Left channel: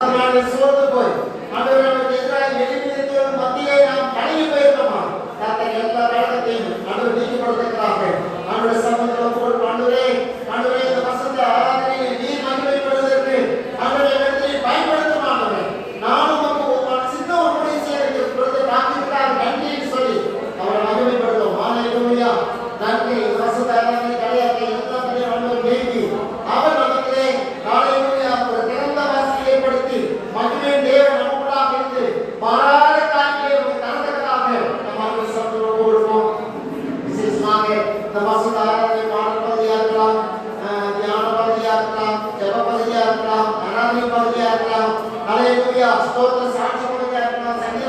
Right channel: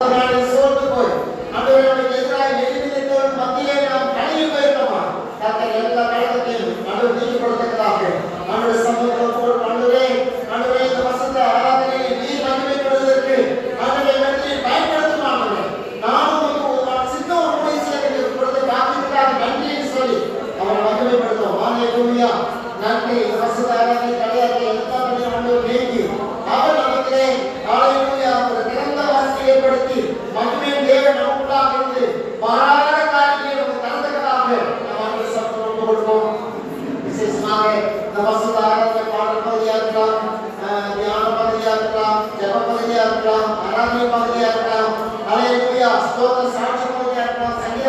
சோர்ந்து போய் ஆண்டவருக்கு எதிராக எதிர்த்தோர் மத்தியிலே நாம் கலங்கி போயிருக்கோமா? கர்த்தர் எல்லா வேதத்தையும் ஆண்டவர் நீக்கி கொடுத்திருக்கிறாங்க. ஆண்டவர் சமூகத்தில் போல் ஆண்டவரே இந்த வசந்த ஆராதனையை நீர் மகிமைப்படுவதற்கு ஆண்டவரை வெற்றி பயன்படுத்தும் ஆண்டவரே. நானும் நமக்கு ஒரு சின்ன ஒரு முடிவு செய்ய கொடுத்த காத்திருக்காக நன்றின்னு சொல்லி அவரை மகிமைப்படுத்துவோம். ஹல்லேலூயா. நன்றி. வசந்த ஆராதனை கலையாத எல்லா பணியும் ஆண்டவர் நீக்கி அவர் நமக்கு ஹல்லேலூயா ஒரு திறந்த வாசி ஏற்படுத்தி மகிமை தேவன் நமக்குள்ளாக இருந்து மாறாத காரியங்களை நமக்கு தரத்தக்கதாக நாம் ஆண்டவர் சமூகத்தில் ஒப்பு கொடுப்போம். விசேஷமாக இந்த வசந்த ஆராதனை பாடல் பகுதியாக இருக்கலாம், தியான பகுதியாக இருக்கலாம், ஜெப பகுதியாக இருக்கலாம், ஆராதனை பகுதியாக இருக்கலாம், ஹல்லேலூயா ஸ்தோத்திர சாட்சி பகுதியாக இருக்கலாம், சங்கீத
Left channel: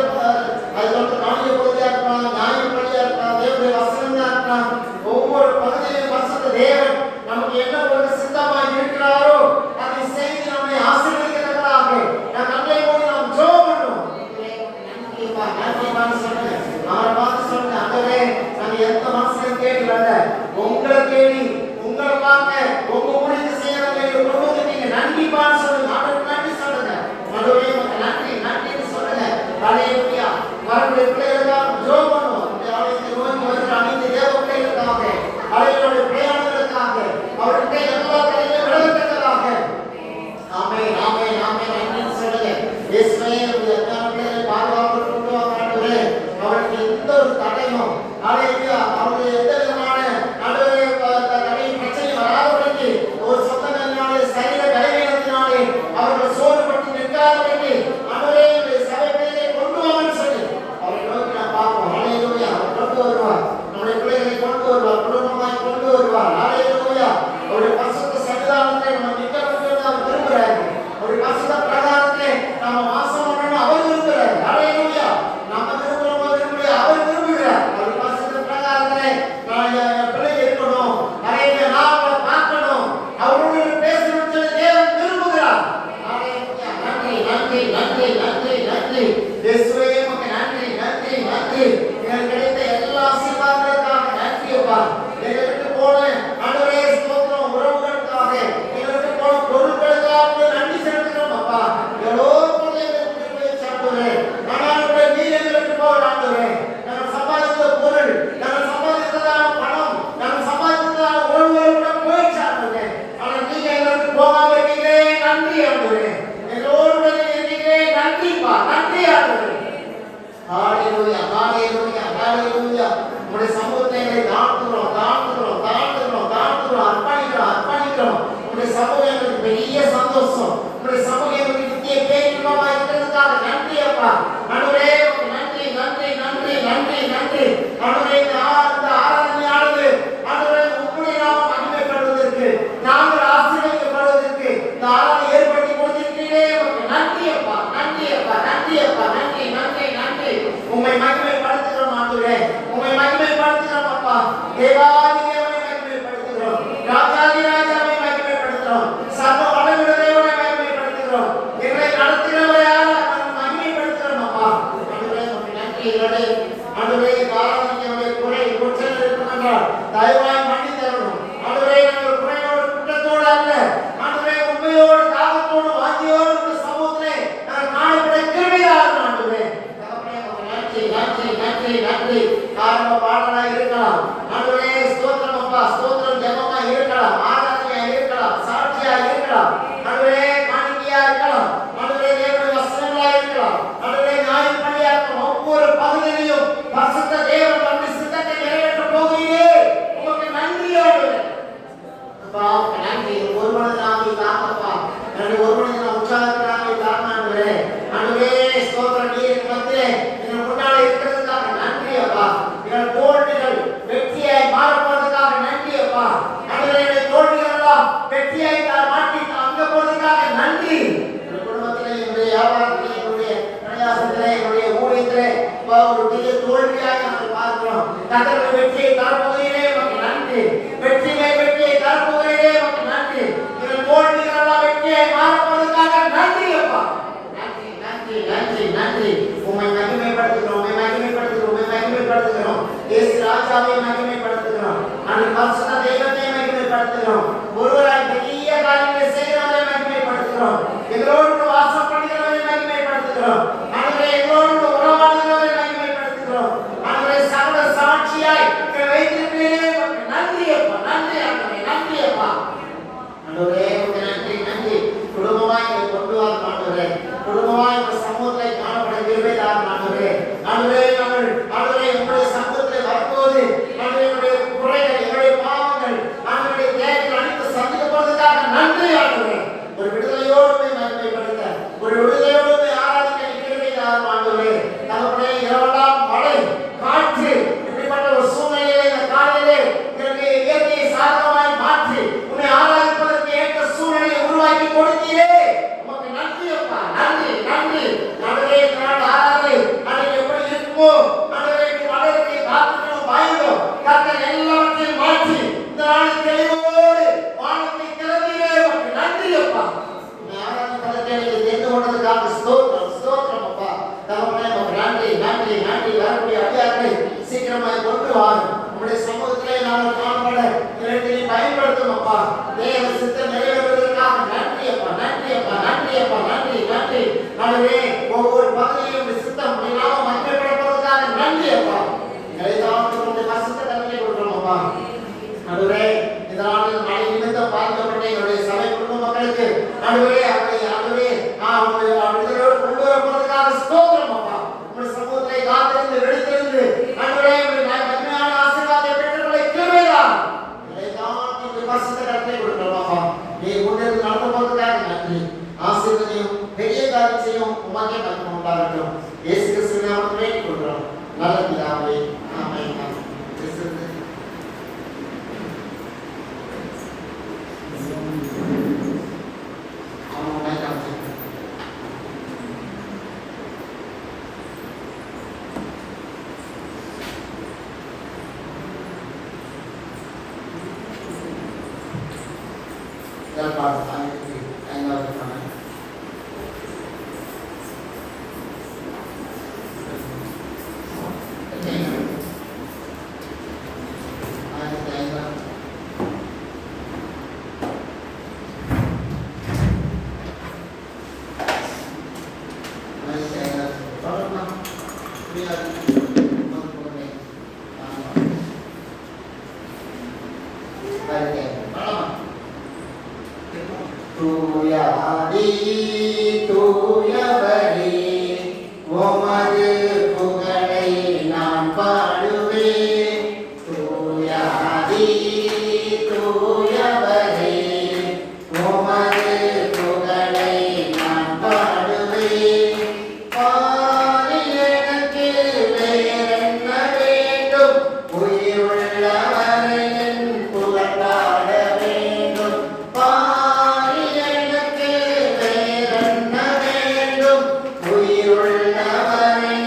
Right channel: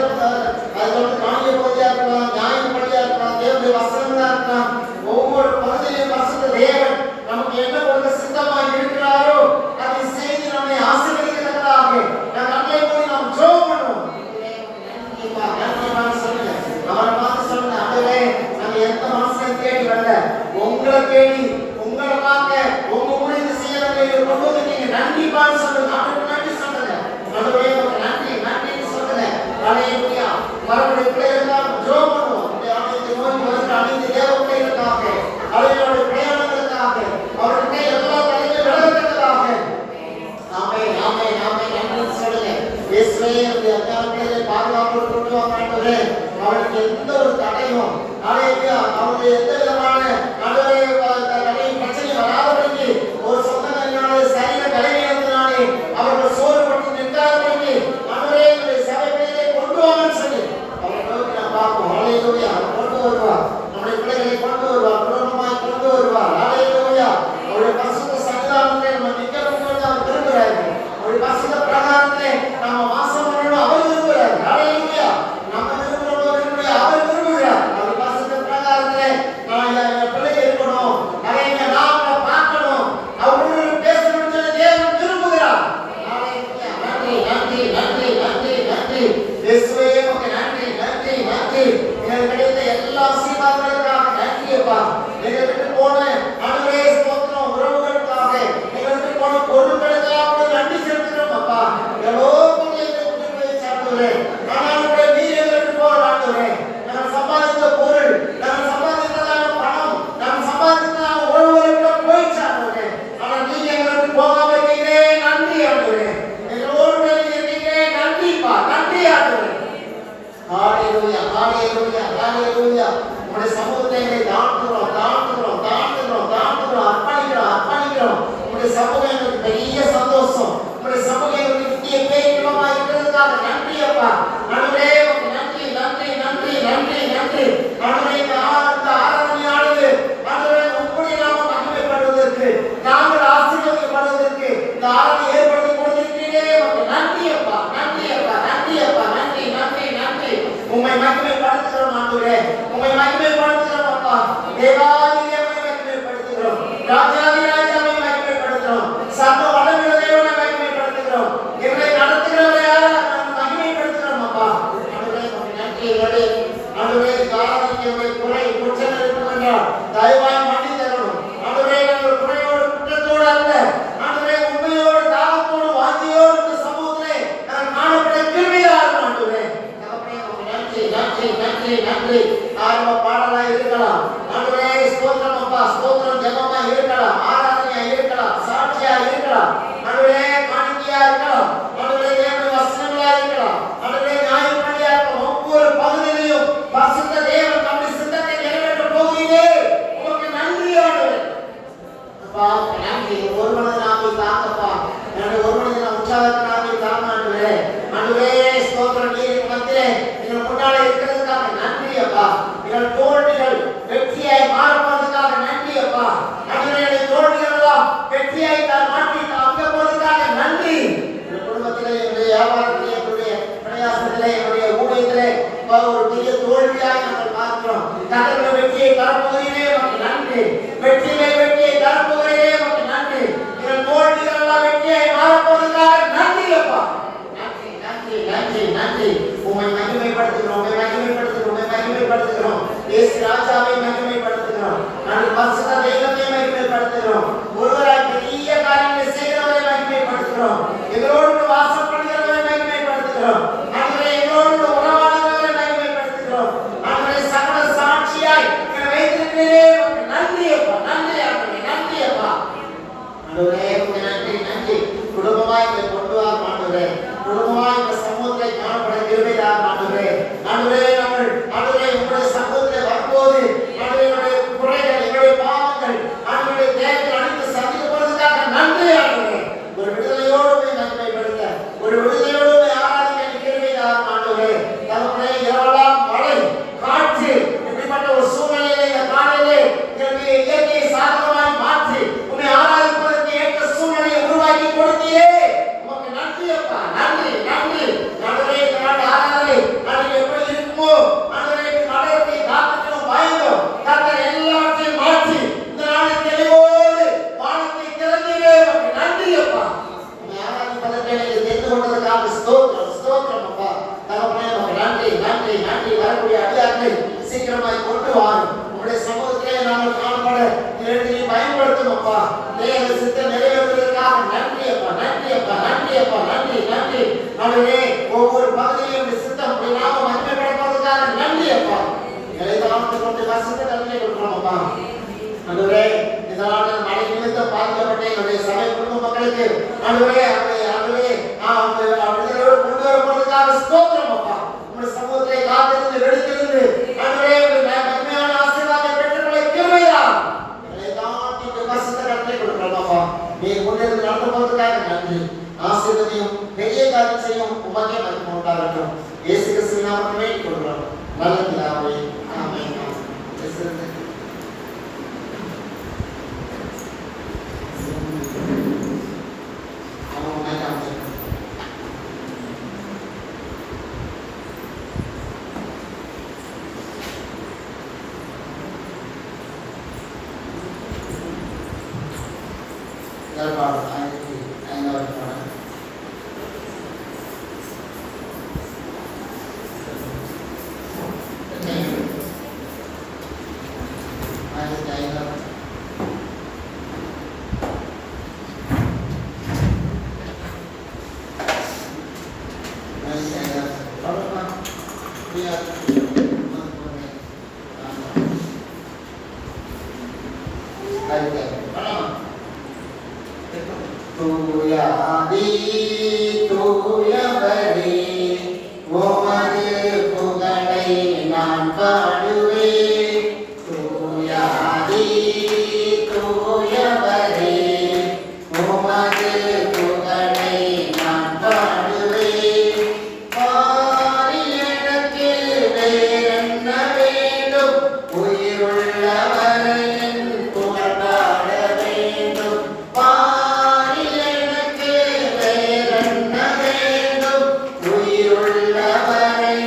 அதுக்கப்புறம் காணிய பகுதியாக இருக்கலாம், நியாய பகுதியாக இருக்கலாம், தேவனுடைய வசனமாக இருக்கலாம். ஒவ்வொரு பகுதியிலும் வசந்த தேவன் நமக்கு என்ன ஒரு சித்தமாக இருக்கிறாரோ அதை செய்து நம்மை ஆசீர்வதிக்கிறதாக நாம் நன்மை போல நாம் ஜெபம் பண்ணுவோம். அவரை பார்த்து சொன்ன ஆண்டவரே, நாங்க எந்த மாசம் தேடி வரல, உங்களை தேடி உங்களை பார்க்க உங்க ஊழியத்தை செய்ய நாங்க கொண்டு வந்துட்டீங்க. நன்றிப்பான்னு சொல்லுங்க. ஆண்டவருக்கு நன்றி சொல்லுங்க. ஆண்டவரே உமக்கு நன்றி நன்றின்னு சொல்லுங்க. ஹல்லேலூயா. வரக்கூடிய பிள்ளைகளுக்காக ஜெபம் பண்ணுவோம். இந்த ஆலயத்தை நோக்கி வருகிற அனைத்து தேவ பிள்ளைகளுக்காக, அவர்களுடைய பிரயாணங்களுக்காக, அவருடைய எல்லா பணிகளையும் நடத்துவதற்காக ஆமென் ஆமென் ஆமென் நன்றின்னு சொல்லுங்க. இயேசுவே உடைய அத்தாட்களை பாதுகாப்பு கொண்டு வர ஆண்டவரே, அவருக்கு எந்த ஒரு தடையும் ஹல்லேலூயா அவருடைய எந்த விதமான ஆண்டவரே தடையும் பிரச்சனையும் வராதபடிக்கு ஒரு சொந்தங்களினாலே சரீர பலவீனத்தினாலே அவர்கள் சோர்வுபட்டு நிற்காதபடிக்கு ஆண்டவரே உடைய சபை பிள்ளைகளை கொண்டு வாங்கன்னு சொல்லி அவரை நோக்கி நாம் பார்ப்போம். ஹல்லேலூயா. அவர் கொண்டு வருவார், நம்முடைய பிள்ளைகளை கொண்டு வருவார், குடும்பமாய் கொண்டு வருவார். ஹல்லேலூயா. அவருடைய பரிசுத்த சன்னிதானத்திலே நம்ம நிற்கணும்னு அவர் விரும்புகிறார். அவருடைய பரிசுத்த பிரகாரத்திலே நாம வாசம் பண்ணணும் அவர் விரும்புகிறார். ஹல்லேலூயா. நம்ம விரும்புகிறோம் விரும்புகிறார் அவர் விரும்புகிறார். ஒரு விடுதலையோடு ஆராதிக்க கிருபையால் ஆண்டவரே தகப்பனே இரவெல்லாம் மழை காற்று இப்படிப்பட்ட ஒரு சூழ்நிலையிலே இந்த காலையிலே இதற்கு இயற்கையை சாதகமாய் மாற்றி உன்னை ஆராதிப்பதற்கு ஏற்ற சூழ்நிலையை உருவாக்கி கொடுத்தீரே உமக்கு நன்றி அப்பா நன்றி நன்றி ஆண்டவரே இந்த நாள் ஆராதனை அது எப்படி இருக்குமோ ஆண்டவரே மழையை காத்துட்டு வாயுதோ கர்த்தர் எல்லாவற்றையும் மாற்றி இந்த நாளில் தெளிவோடு வானத்தை திறந்தீரே உமக்கு நன்றி அப்பா உன்னை ஆராதிப்பதற்கு தெரிந்து கொண்டதற்காக ஸ்தோத்திரம் ஸ்தோத்திரம் அப்பா தகப்பனே உமக்கு நன்றி நன்றி நன்றி வரக்கூடிய அடியார்களை சீக்கிரமாய் கொண்டு வாரும் உங்களுடைய சமூகத்திலே நாங்கள் காணப்பட இரண்டையும் பயன்படுத்தும் அப்பா தேவ சித்தம் நிறைவேறுவதற்காக நன்றி அப்பா நன்றி அப்பா நன்றி அப்பா நன்றி நன்றி ஆண்டவரே ஒவ்வொரு பகுதியிலும் சித்தம் நாம மகிமைப்படுவதற்காக நன்றி அப்பா இதைதான் கொண்டு கசத்தை நன்றி கொடுக்கிறோம் அப்பா ஆண்டவரே இதனால் மழை நிமித்தம் பாதிக்கப்பட்ட என்னுடைய சபை குடும்ப மக்களுக்கு ஆண்டவரே ஆண்டவரே விடுதலையோடு கொண்டு வருவதற்காக ஸ்தோத்திரம் அப்பா உங்களுடைய சமூகத்தை காத்திருந்து வெடித்திருந்து ஆண்டவரே மகிமையான ஆசீர்வாதத்தை பெற்றுக்கொள்ள கிருபையா இதைதான் கசத்தை நன்றி கொடுக்கிறோம் அப்பா நீ கொண்டிருந்து நடந்து போவதற்காக நன்றி ஆசீர்வதியும் பெரிய காரியம் செய்யும் உமக்கே மகிமை உண்டாகட்டும் இயேசு கிறிஸ்துவின் நாமத்தில் வேண்டிக் கொள்கிறோம் நல்ல பிதாவே ஆமென் உயிருள்ளவரை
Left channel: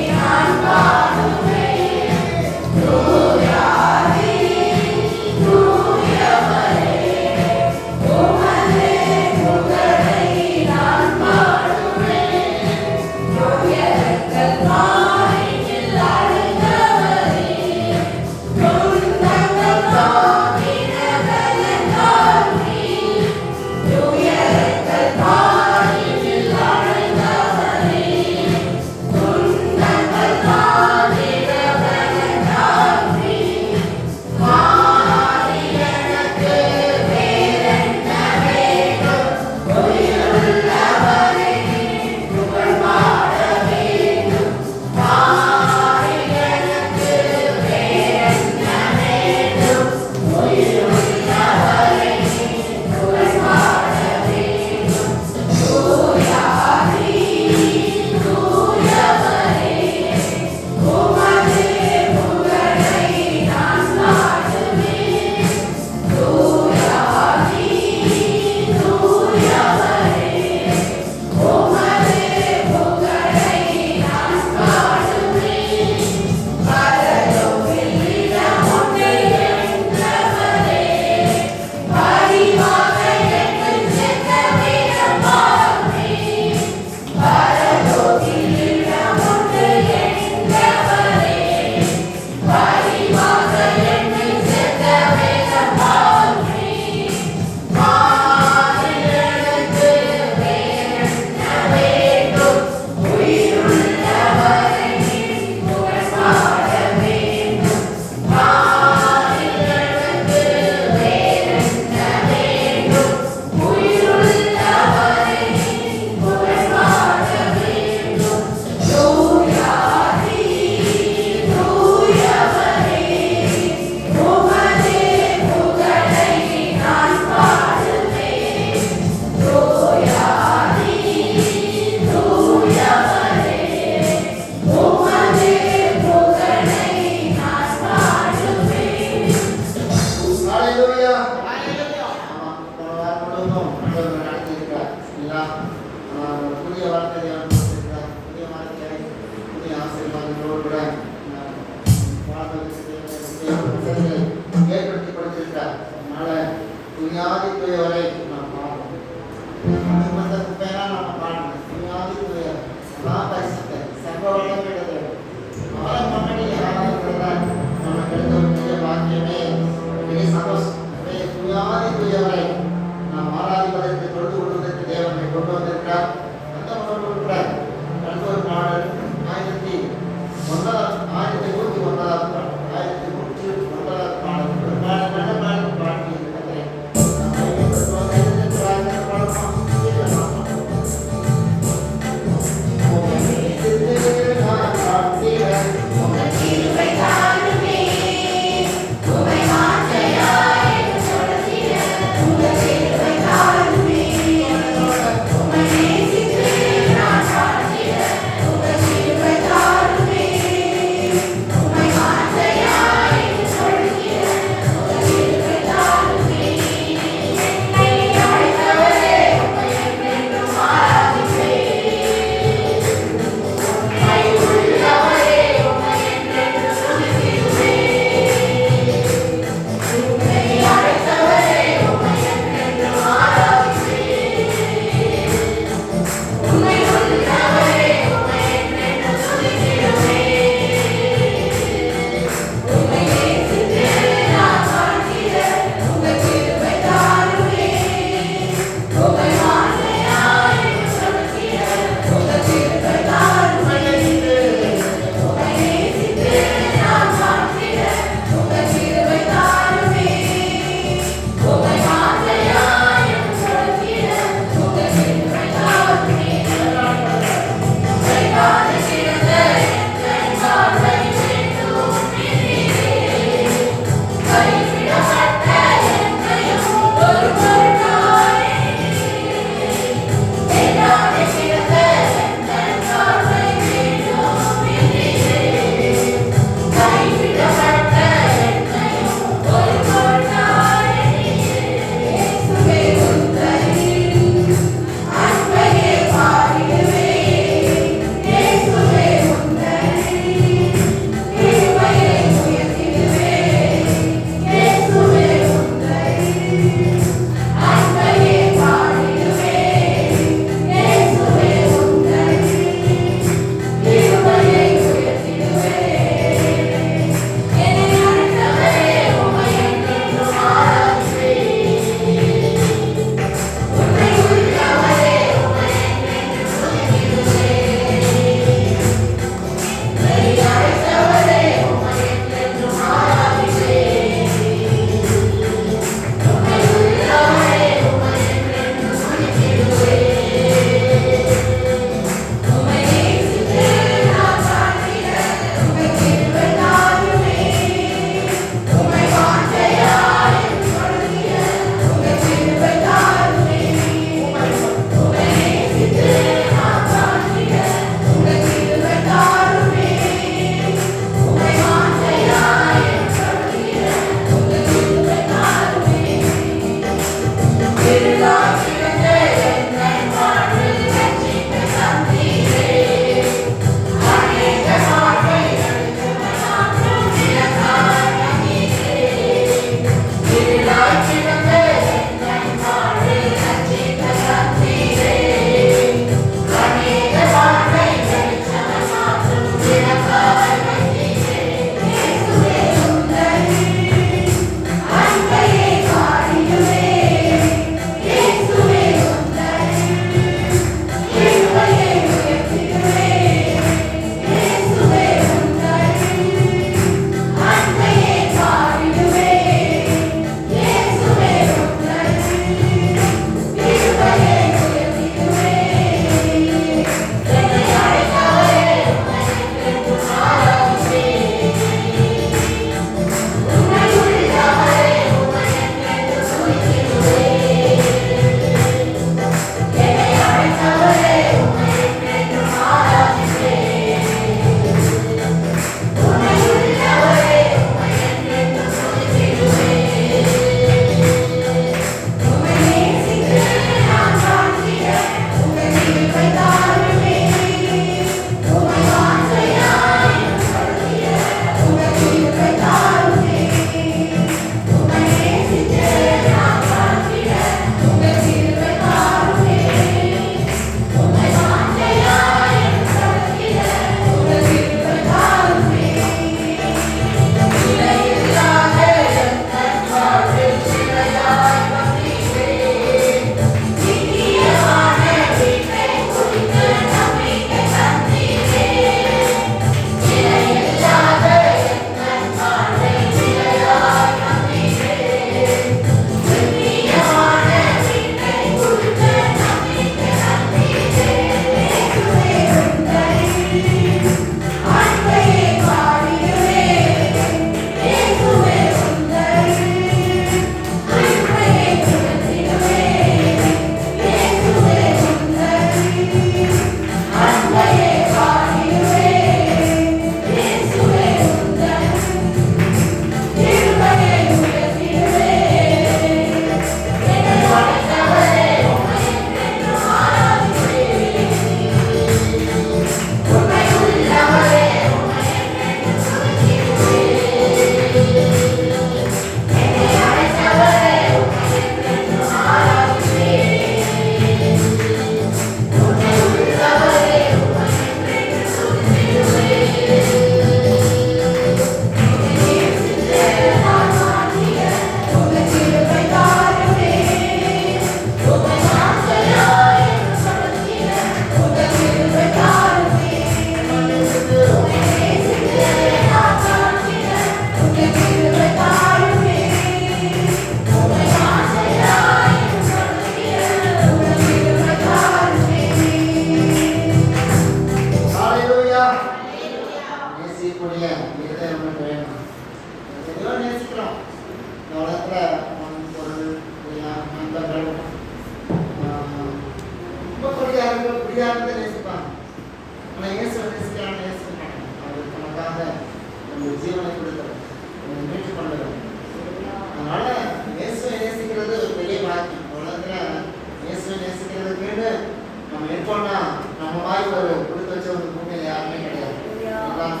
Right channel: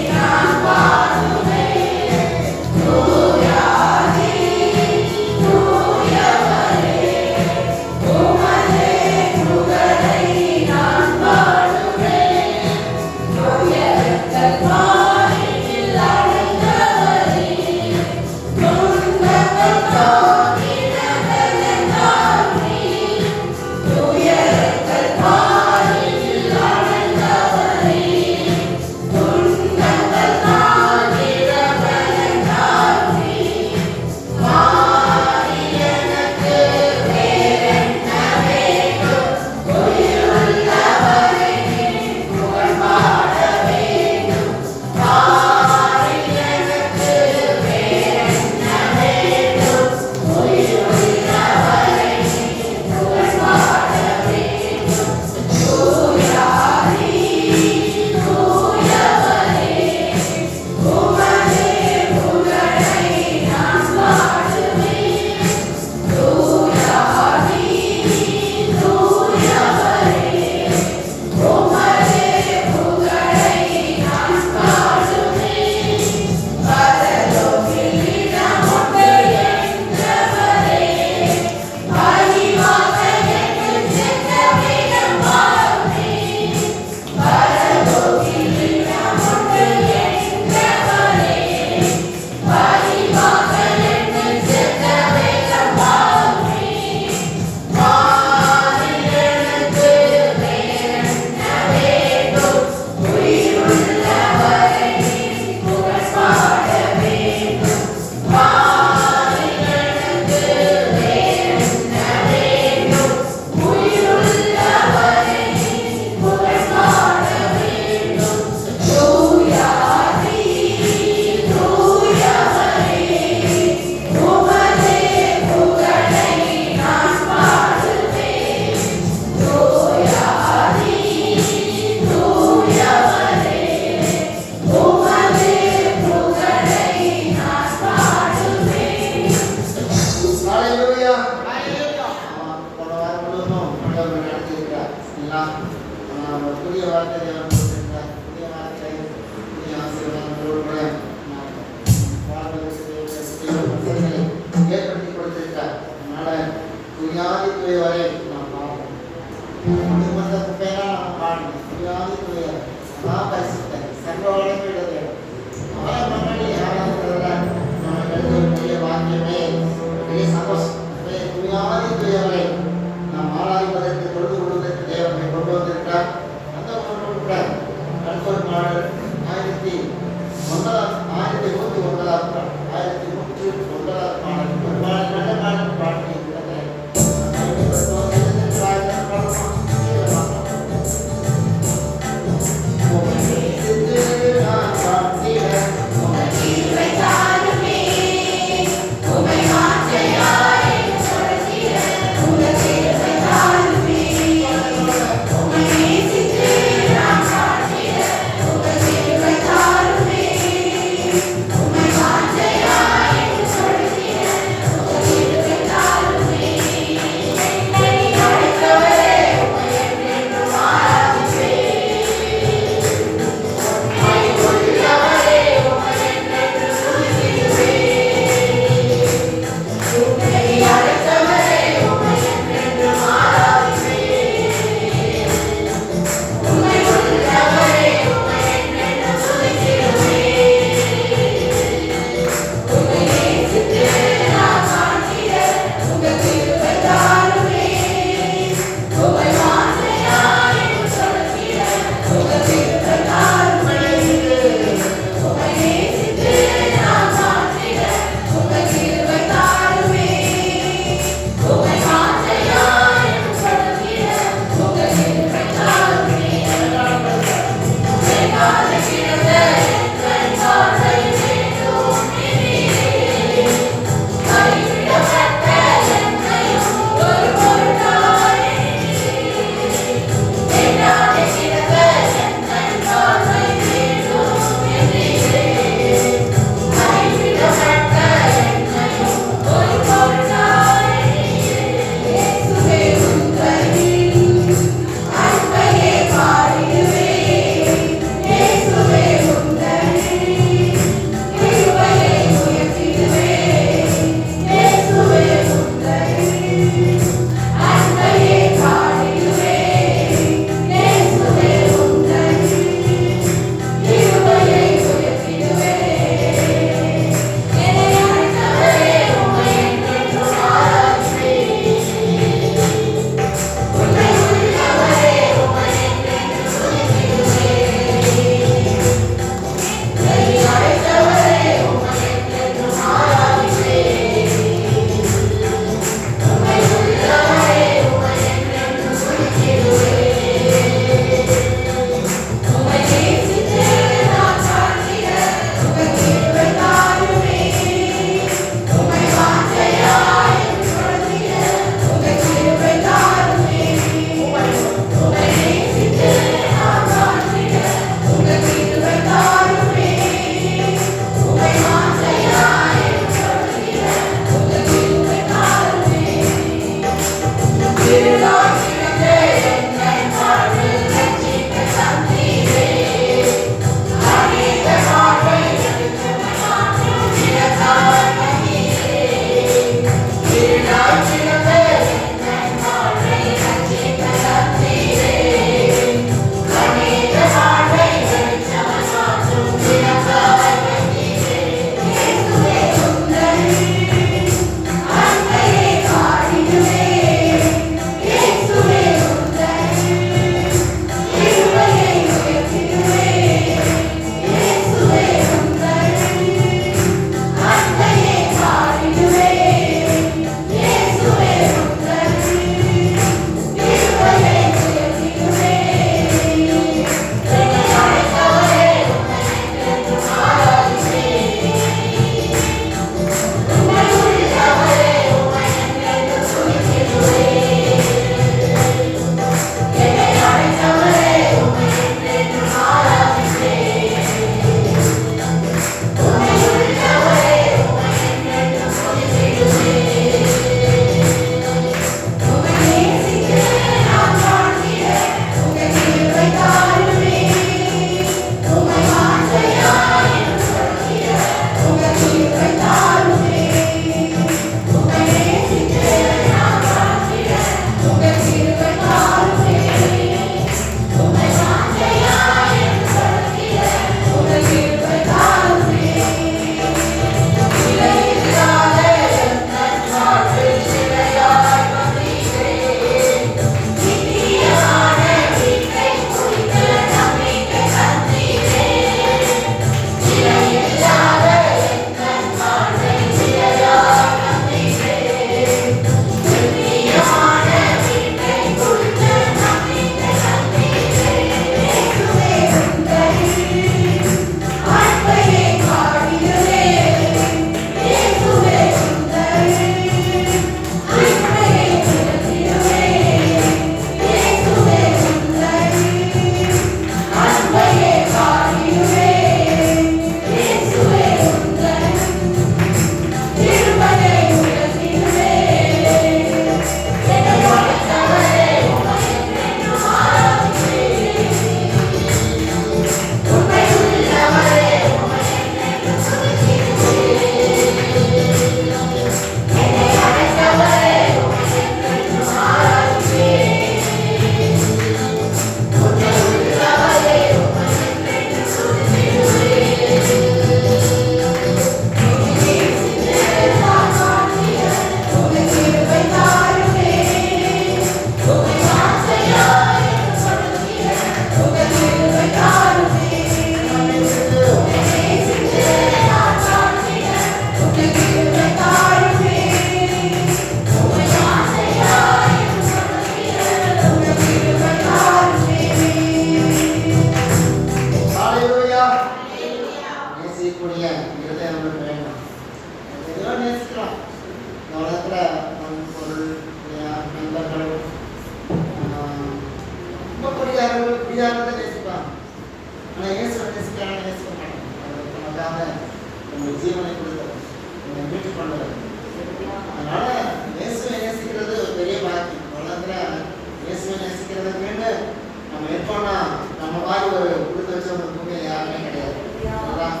வச்சவங்க பூமியில யாருமே கிடையாது. எல்லாம்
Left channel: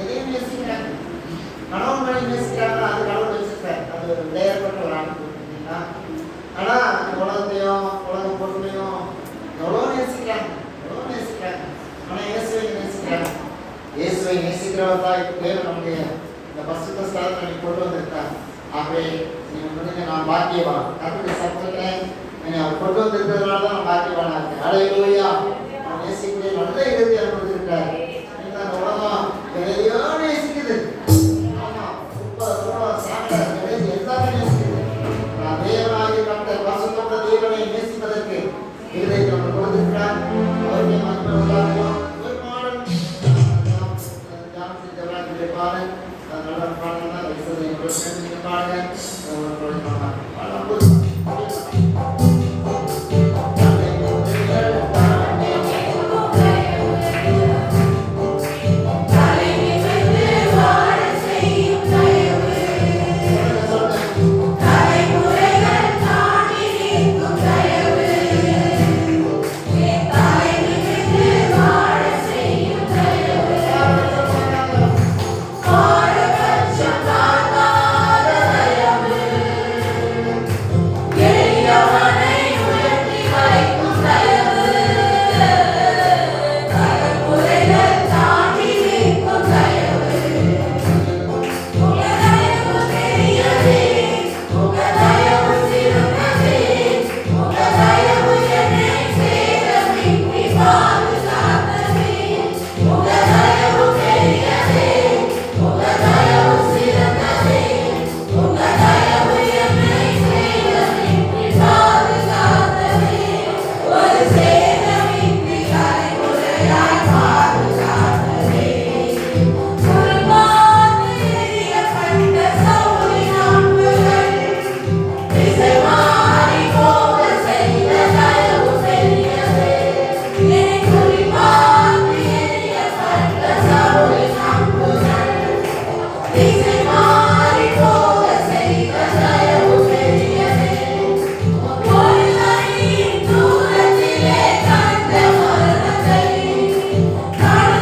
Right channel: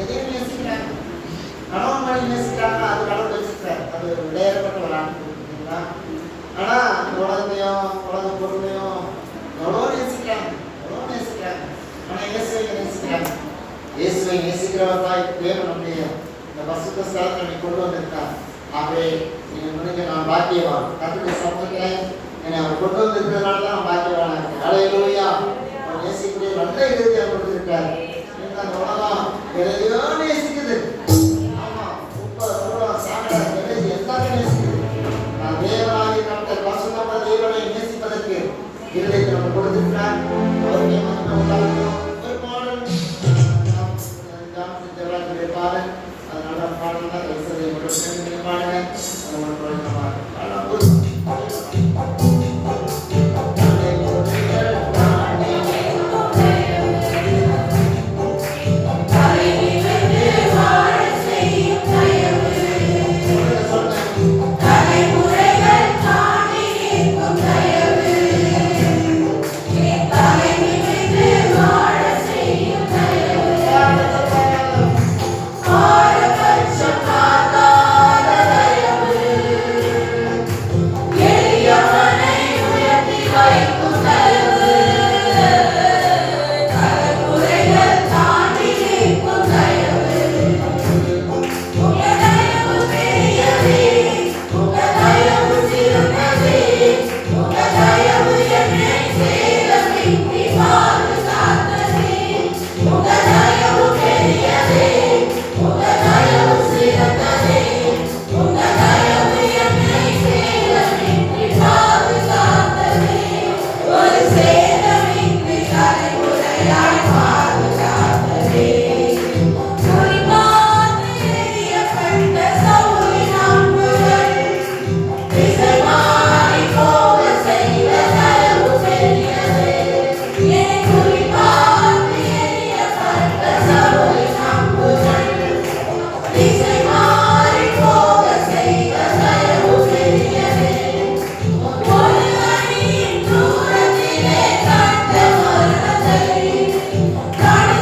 எதையும் நேசிக்கிறாங்க. கணவன் மனைவி நேசிக்கிறாங்க, அது கடவுள் வச்சிருக்காரு. அது ஒரு விளையாடப்பட்ட ஒரு ஆண்டு. ஆனா உலகத்தையும் உலக பொருளையும் எவ்வளோ நேசிக்கிறாங்க, எவ்வளோ நேசிக்கிறாங்க. ஆனா இயேசுவை நேசிக்கிறாங்க. இயேசுவை நேசிக்கிறவர் தான் இப்பவே நம்முடைய இந்த பரிசுத்த ஸ்தலத்தை கொண்டு வந்திருக்காங்க. ஆகவே நீங்க நான் பாக்கியவான். கர்த்தருடைய சமூகத்தில் என்னை அவர் கொண்டு வந்திருக்கிறதுனால தான் நான் பாக்கியவானா இருக்கேன். அல்லேலூயா. அவர் நேசிக்கிற நல்ல இதயத்தை அவர் கொடுத்திருக்காரு. அந்த உலகம் எதையோ நேசிக்குது. ஆமா, ரொம்ப சாகர எல்லாமே நேசிக்குது. நான் தேவனாகிய கர்த்தர் பரிசுத்த தேவனை நேசிப்பதற்கு இருதயத்தை அவர் கொடுத்திருக்கிறார். அவருடைய மகிமை உண்டாகணும். ஒரு பாடல் பாடல் அதனால பாடல் தான் பாடுங்க. God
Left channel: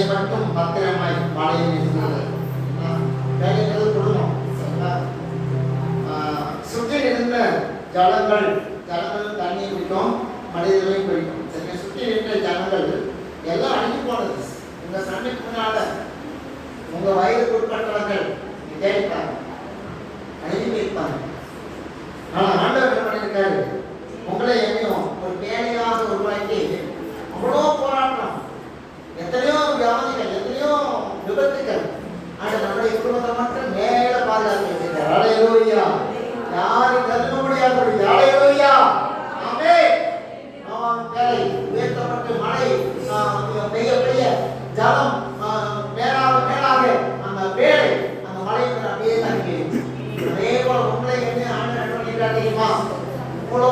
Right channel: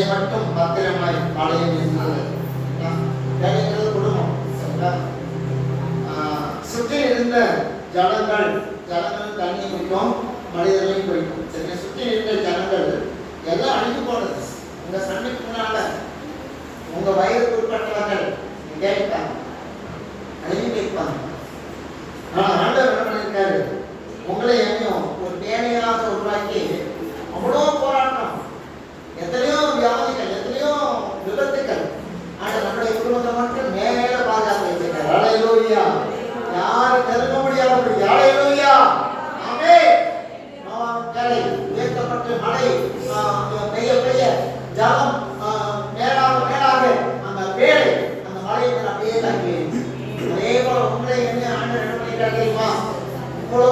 வேலை மட்டும் பத்திரமாய் பாடையில் இருக்கிறது. வேலைங்கிறது குடும்பம். சுற்றி இருந்த ஜலங்கள் தண்ணி குடிக்கும், மனிதர்களையும் குடிக்கும். சரி, சுற்றி இருந்த ஜனங்கள் எல்லாம் அழிஞ்சு போனது. உங்க சண்டைக்கு முன்னால உங்க வயதுக்கு உட்பட்டவர்கள் தேடிட்டாங்க, அழிஞ்சு இருப்பாங்க. ஆனா ஆண்டவர் என்ன பண்ணியிருக்காரு? உங்களை எங்கேயும் ஒரு தேவையாக உருவாக்கி அவ்வளோ போராட்டம், எத்தனையோ வியாதிகள், எத்தனையோ விபத்துக்கள், ஆனால் நம்முடைய குடும்பத்தை மட்டும் மேல பாதுகாத்து வச்சிருக்காரு. அல்லேலூயா. யாரும் கருத முடியாதபடி. அல்லேலூயா. ஆமென். கரை உயர்த்தப்பட்டு மழை பெய்ய பெய்ய ஜலம் மேலாக மேலாக அந்த வேலை அந்த மழைக்கு அப்படியே தங்கி. அதே போல உங்களை ஆண்டவர் என்ன பண்ணிட்டார் தெரியுமா? இவ்வளோ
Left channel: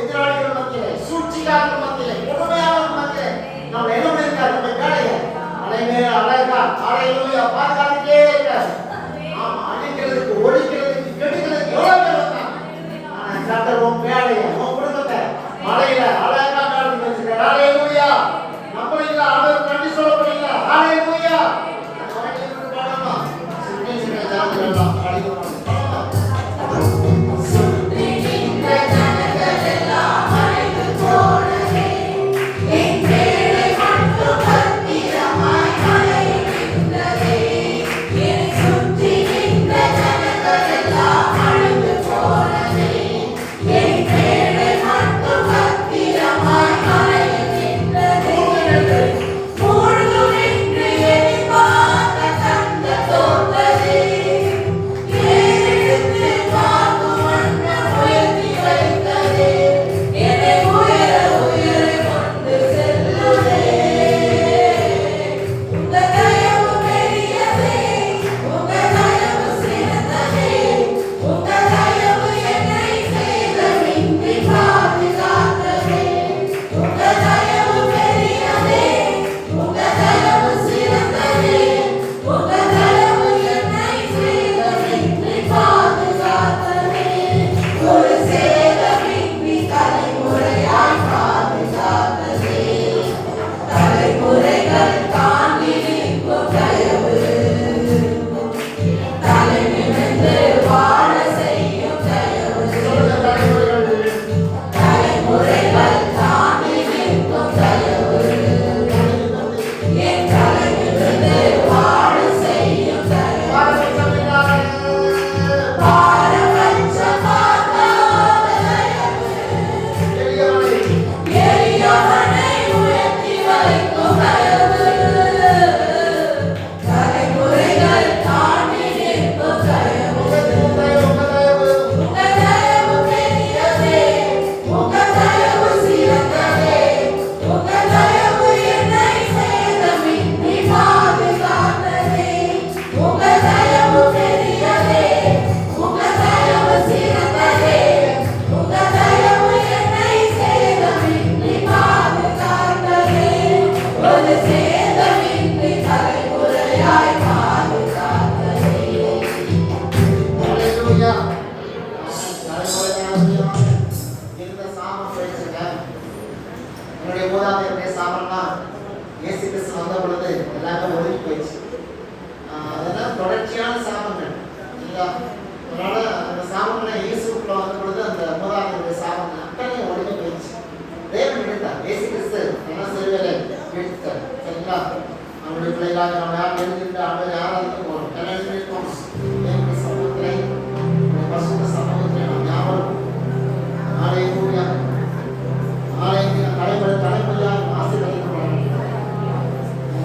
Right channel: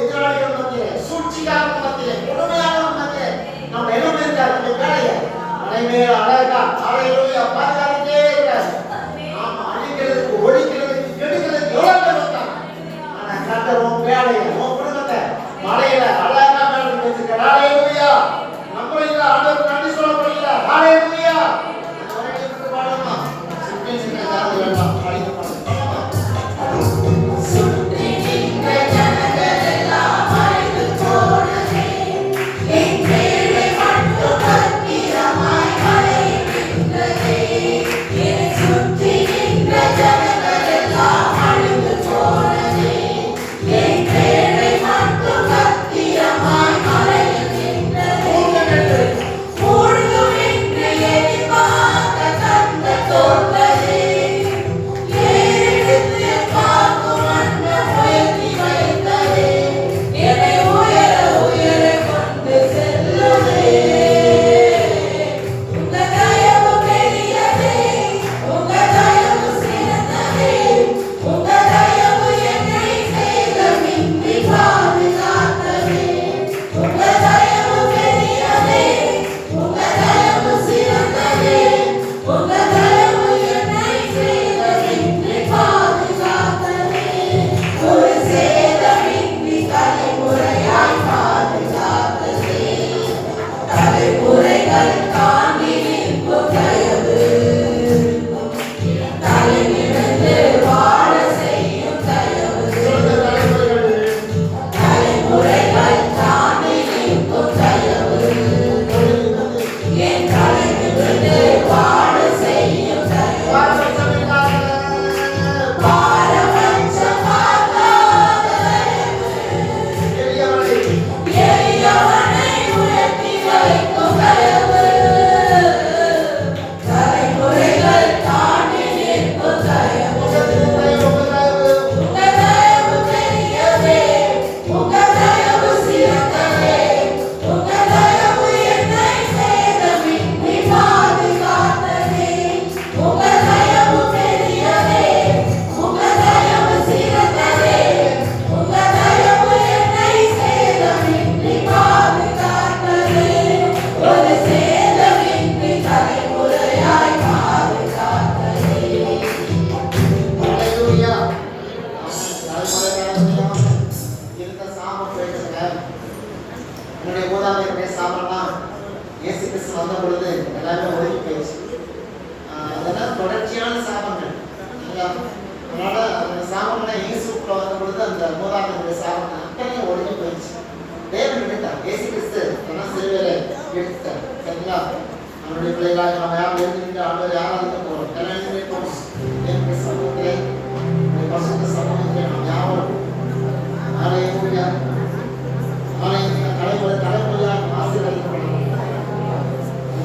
எதிராளிகள் மத்தியில, சூழ்ச்சிக்காரர்கள் மத்தியில, கொடுமையாளர்கள் மத்தியில நம்ம என்ன பண்ணிருக்காரு? இந்த வேலையை மலை மேல் அழகா அல்லேலூயா பாதுகாத்துட்டே இருக்கிறார். அழிக்கிறதுக்கு, ஒழிக்கிறதுக்கு, கெடுக்கிறதுக்கு எவ்வளவு பேர் வந்தாங்க. ஆனா கர்த்தர் உன் வேலையை, உன் குடும்பத்தை மலையில அழகா மேல வச்சிருக்காரு. அல்லேலூயா. நம்மளும் ஆண்டவருக்கு நன்றி சொல்ல முடியல. அல்லேலூயா. அந்த வழியை விட்டு பாடணும். சுற்றி நின்ற ஜனங்கள் எல்லாம் அழிந்து போனாங்க.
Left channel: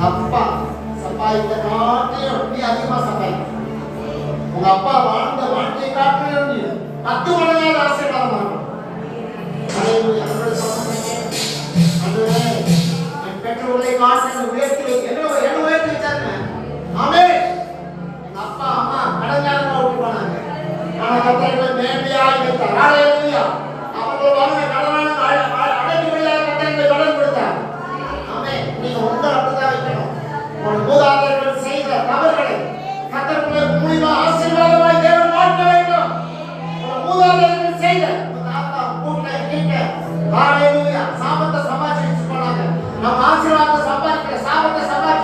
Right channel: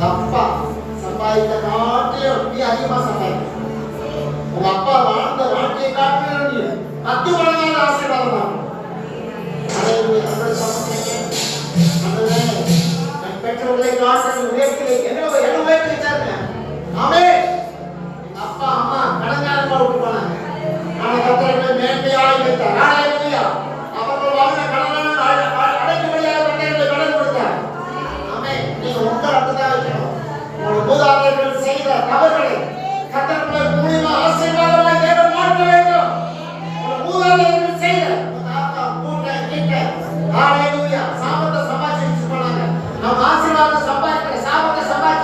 அப்பா சம்பாதித்த நாட்டிலே அதிகமா சம்பாதிக்கும். உங்க அப்பா வாழ்ந்த வாழ்க்கையை காட்டிலும் 10 மடங்கான ஆசீர்வாதம். பெற்றோர்களை காட்டிலும் உயர்த்தி என்ன உயர்த்தி வச்சாருங்க. ஆமென். அப்பா அம்மா கடங்காரமா விட்டு போனாங்க. ஆனா கர்த்தர்களை மேன்மையாய் வைத்தார். ஹalleluya. அவர்கள் வாங்கின கடனான அடைக்கும்படியாக கர்த்தர்களை கடன் கொடுத்தார். ஆமென். நீங்க உங்களை அப்படிதான் வைக்கணும். உங்கள் மூதாதையர்கள் செய்த தவறுகளை கர்த்தர்களை மூலியமா ஆசீர்வாதமாய் தேவன் மாற்ற வேண்டும். உங்கள் மூதாதையர்கள் செய்த தாத்தா கூட்ட கிட்ட ஹalleluya சாபத்தை சம்பாதிச்சு போனாங்க. நம்ம ஆசீர்வாதம் சம்பாதிக்கிற சாபத்தை சம்பாதிக்க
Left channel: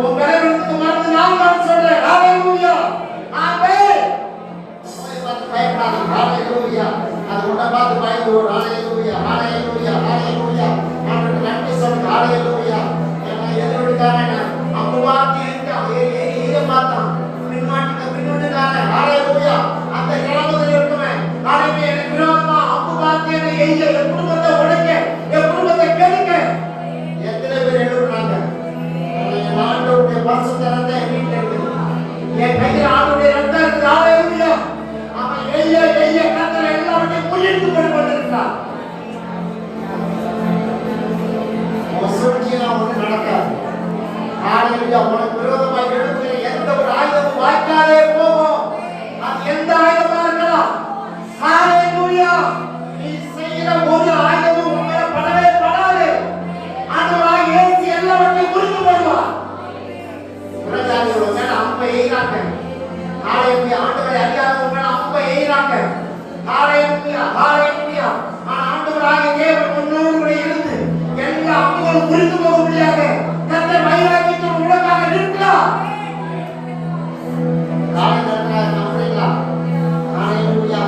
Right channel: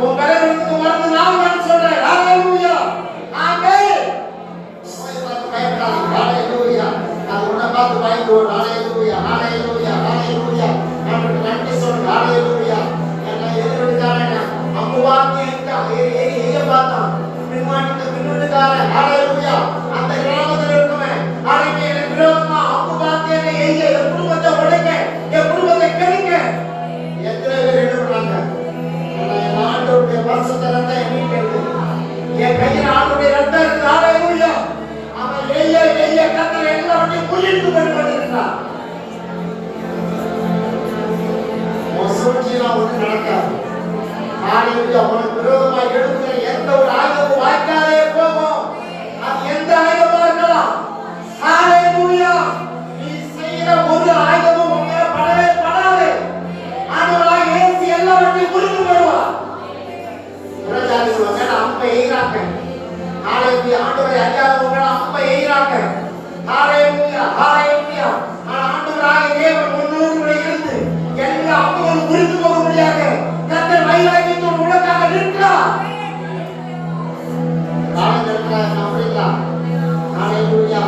உன் பலவீனத்துக்கு மருந்து நான் சொல்றேன். ஹalleluya. ஆமென். பயப்படாதீங்க. ஹalleluya. அது உன்னை பார்த்து பயப்படுவோம். ஹalleluya. ஹalleluya. ஹalleluya. ஆண்டவருக்கு நன்றி சொல்லுங்க. ஹalleluya. எல்லாம் எதிர்விட்டாங்க. அம்புவாக்கி எரிய பார்த்தான். பின்னுட்டுக்காரன். ஹalleluya. அந்த கிராமத்தில் இருக்குமே நாளைக்கு எனக்கு விரோதமா அம்புவாக்கி எரிய என் குடும்பத்தை உடைக்க, என் குடும்பத்தை கெடுக்க எத்தனை பேர் எழுதுறாங்க. என் ஆண்டவருடைய பரிசுத்த ரத்தம் என் வீட்டில் இருக்குது. என் கையில் ஆண்டவருடைய ரத்தம் இருக்குது. ஹalleluya. அவன் எரிய கர்த்தர் எல்லாவற்றையும் புரிந்து கொண்டிருக்கிறார். சூழ்ச்சியெல்லாம் ஒன்றும் நடக்காது. ஹalleluya. உனக்கு விரோதமாய் எழுதுகிற எந்த ஒரு ஆயுதமும் வாய்க்காதே போகும். அது எந்த ஆயுதமா இருக்கலாம். ஹalleluya. நீ செய்கிற ஒரு ஆயுதமும் உன் மேல படவே படாது. ஆண்டவராக இயேசு எல்லாவற்றையும் புரிந்து கொள்வார். புறஜாதிகள் மேல அம்பை எய்றாங்க. ஹalleluya. ஆண்டவரை அறியாதவங்க மேல அம்பை எய்றாங்க. ஹalleluya. ஹalleluya. ஆண்டவராக தேவன் முன்னோடு இருந்து எல்லா அம்புகளும் புரிந்து போக முடியாது. கர்த்தர் வைராக்கியத்தோடு உனக்காக நிற்கிறார். நம்புறீங்களா? ஹalleluya.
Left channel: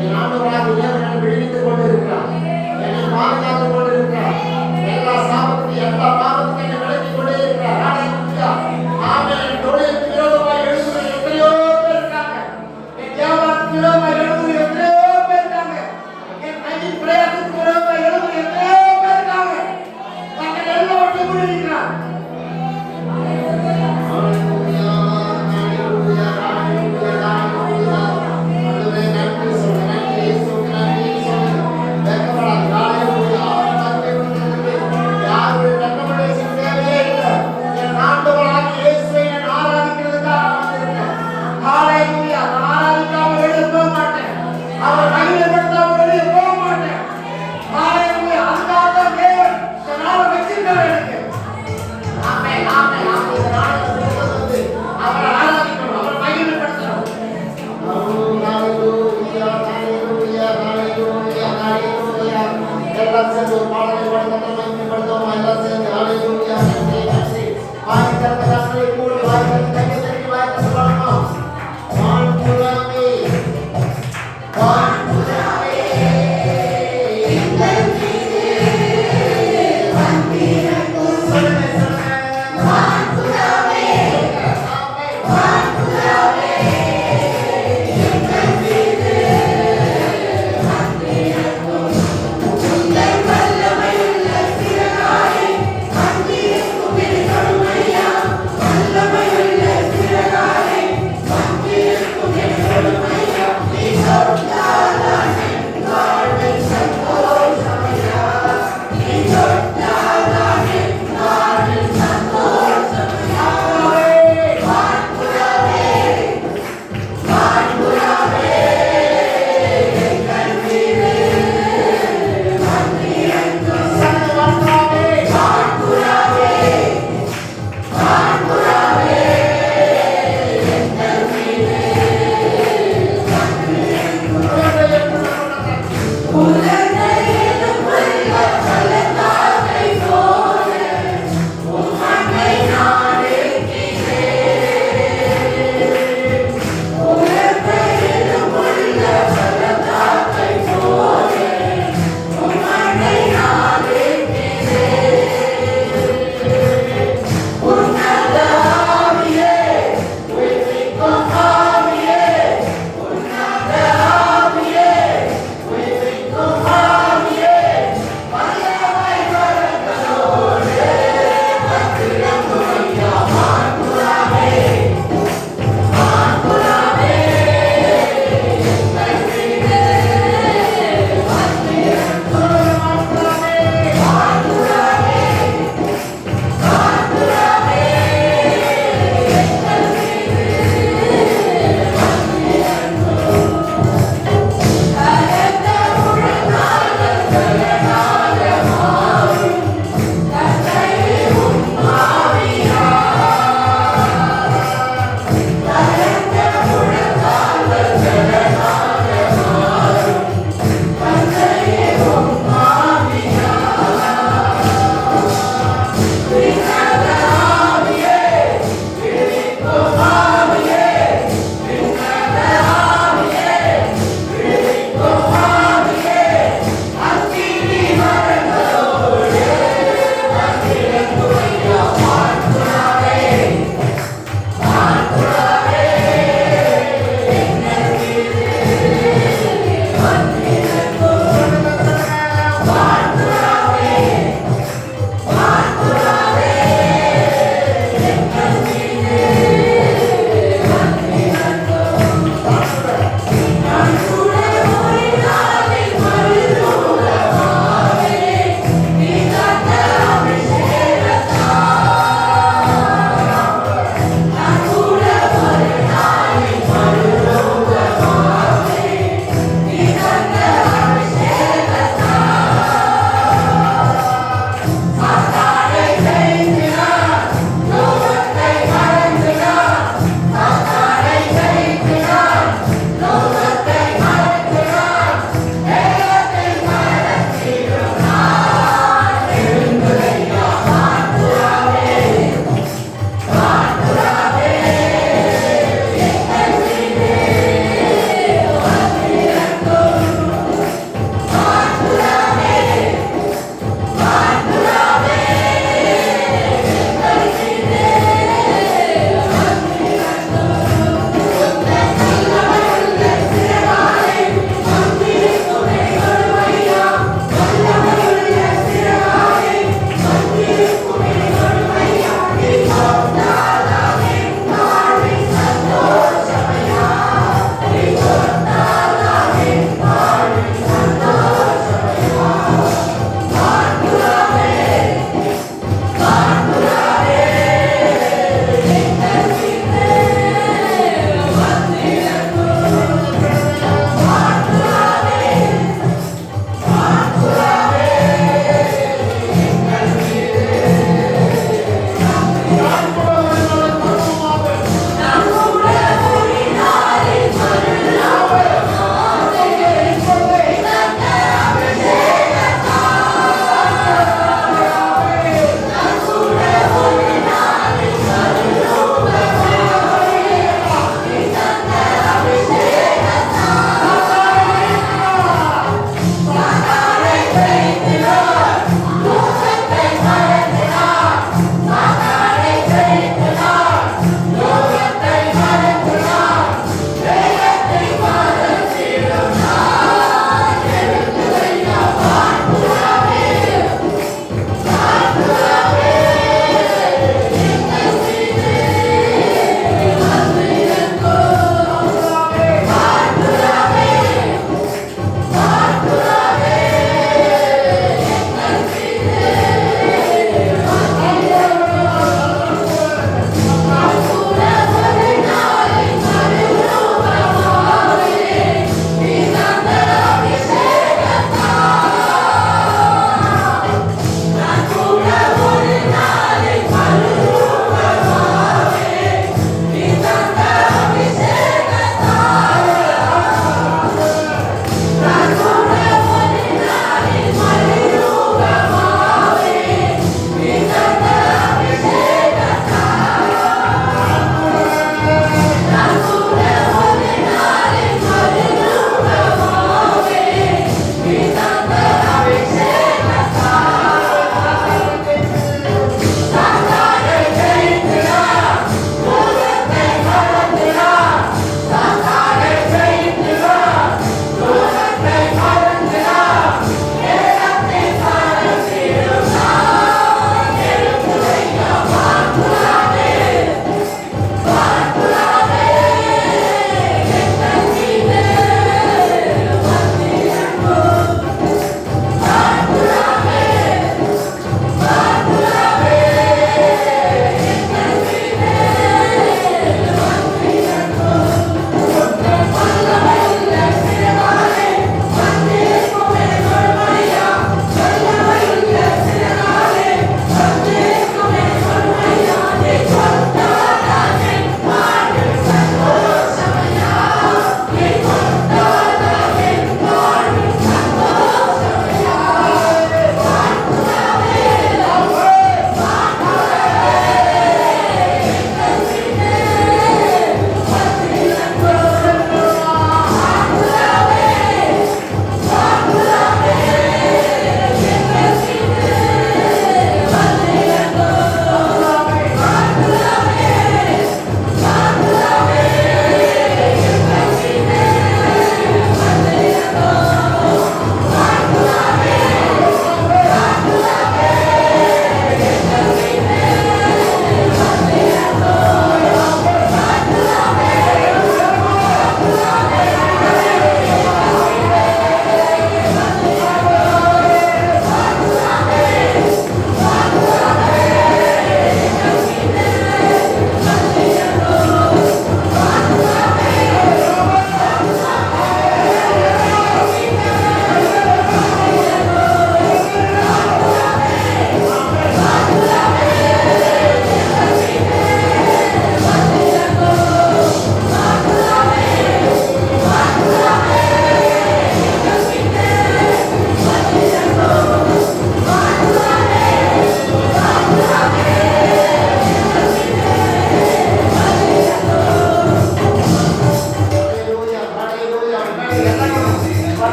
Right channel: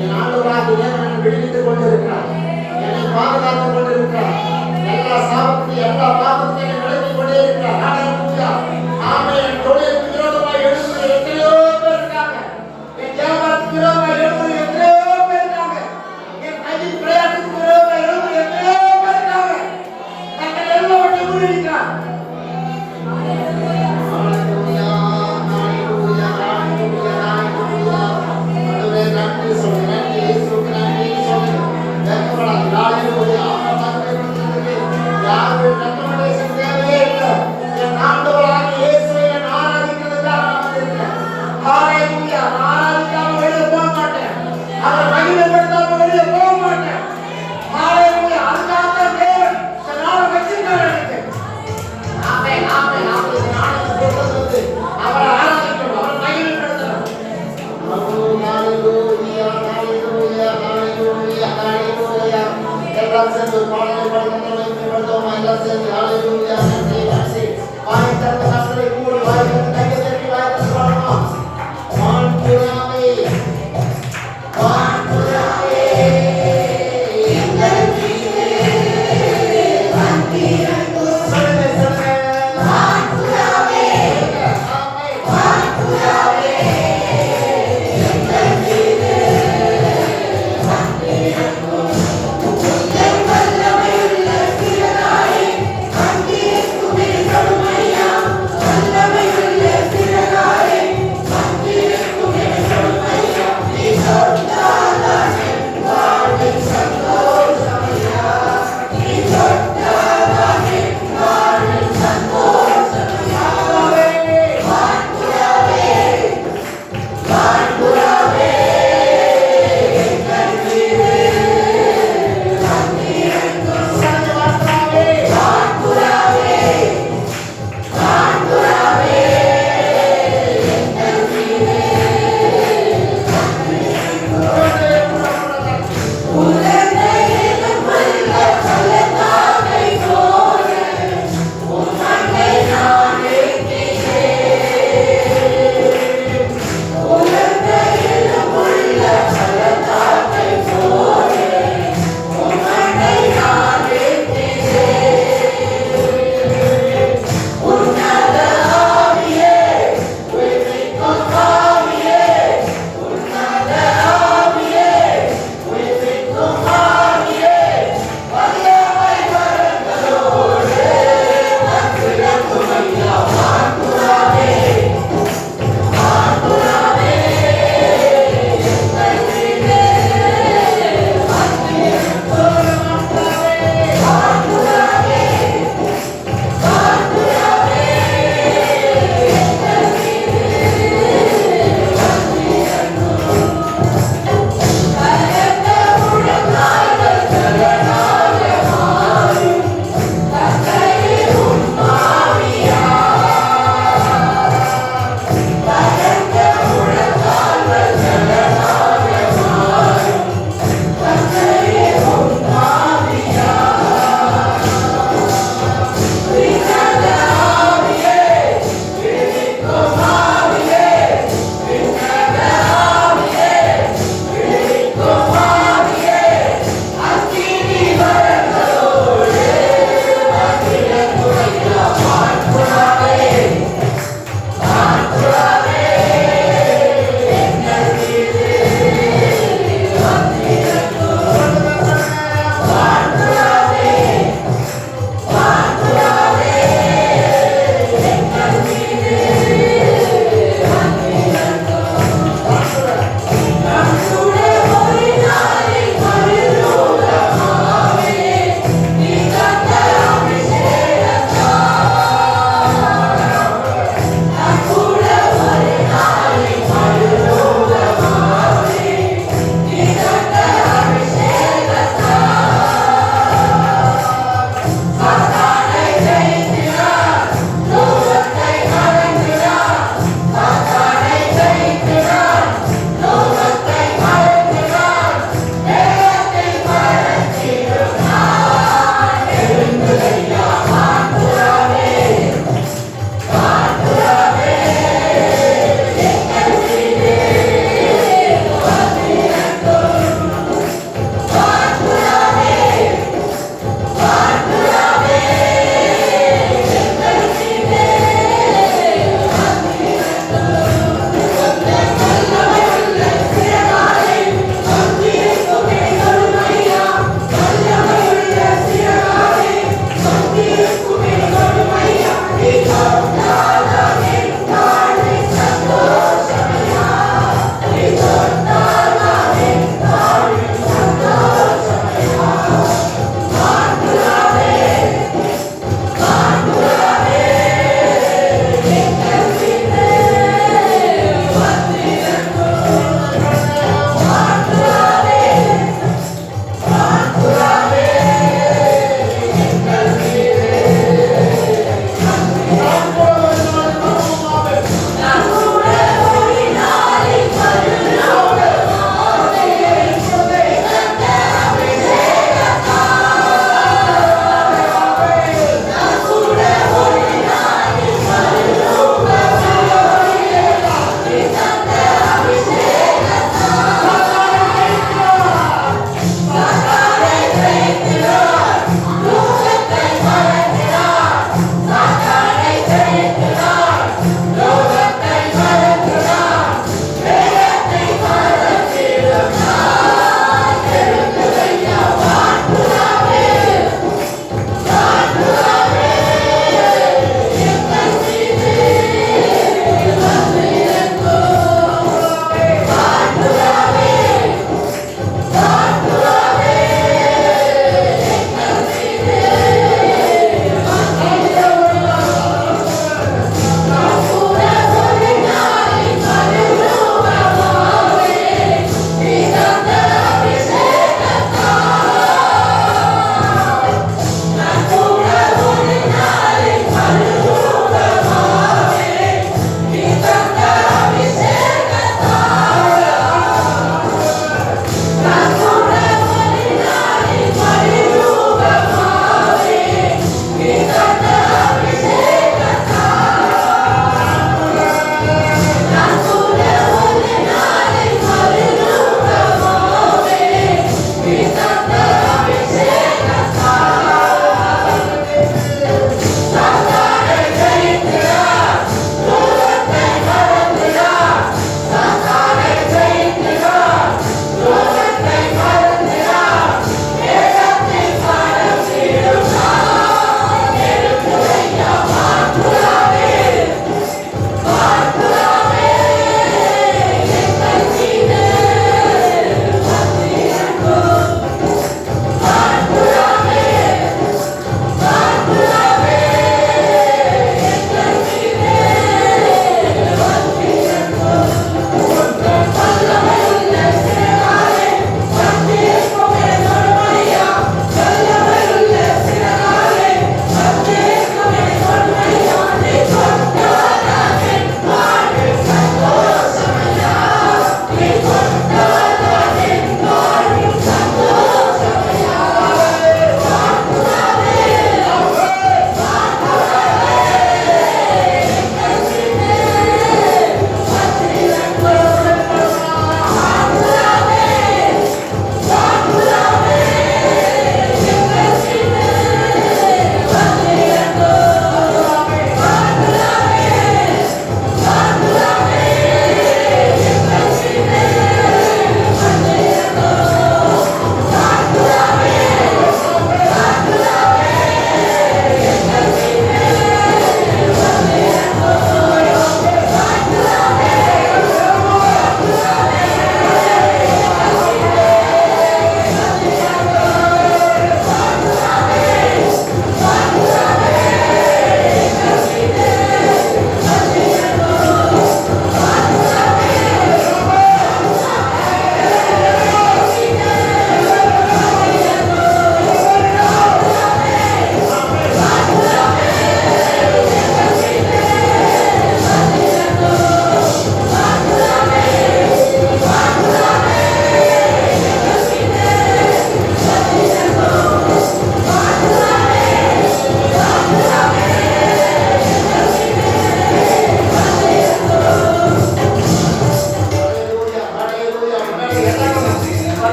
என் ஆண்டவராக தேவன் என்னை விடுவித்துக் கொண்டிருக்கிறார். என்னை பாதுகாத்துக் கொண்டிருக்கிறார். எல்லா சாபத்தையும் எல்லா பாவத்தையும் என்னை விலக்கிக் கொண்டே இருக்கிறார். ஹalleluya. ஆமென். என் தொழிலுக்கு விரோதமாய் எழுதுகிற எத்தனையோ பேர் இருக்காங்க. என் வியாபாரத்துக்கு விரோதமாய் எழுதுகிற எத்தனையோ பேர் இருக்காங்க. என் கையின் பிரயாசத்துக்கு விரோதமாய் எழுதுகிற எத்தனையோ பேர் இருக்காங்க. நாங்கள் எல்லாவற்றையும்